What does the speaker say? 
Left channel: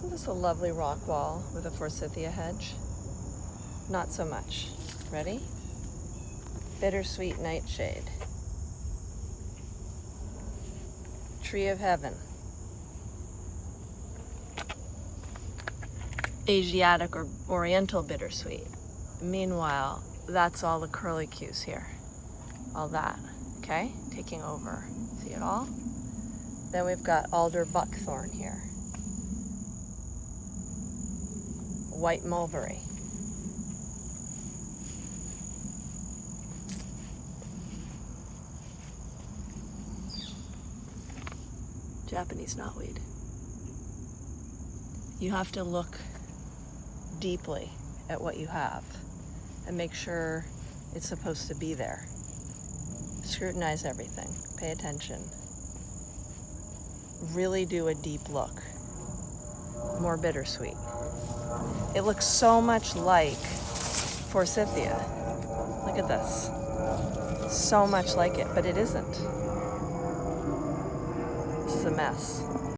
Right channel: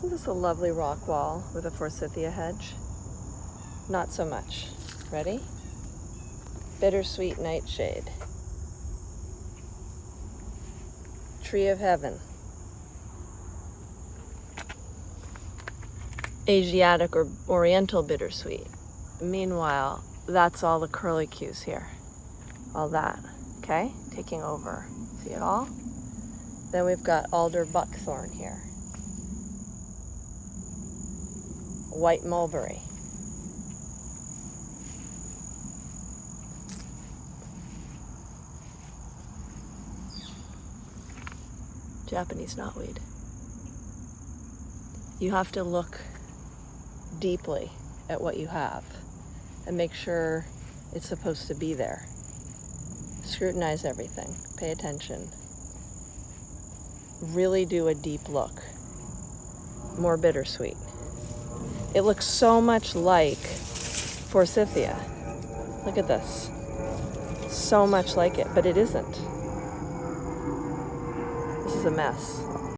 Isn't this a lovely rock wall with a forsythia hedge? Not so much. Ready? Bittersweet nightshade. Tree of heaven. Asiatic or oriental bittersweet. Meanwhile, that's all the curlicues here. All that, okay? Taking over. See it all? Then we've got alder buckthorn here. White mulberry. Japanese knotweed. You have to look deeply at what you have and make sure it's supposed to be there. Scrutinize everything. Pay attention. Really do a deep look. More bittersweet. It looks so much like forsythia. Look at this. So much like it, but it isn't. This is a mess.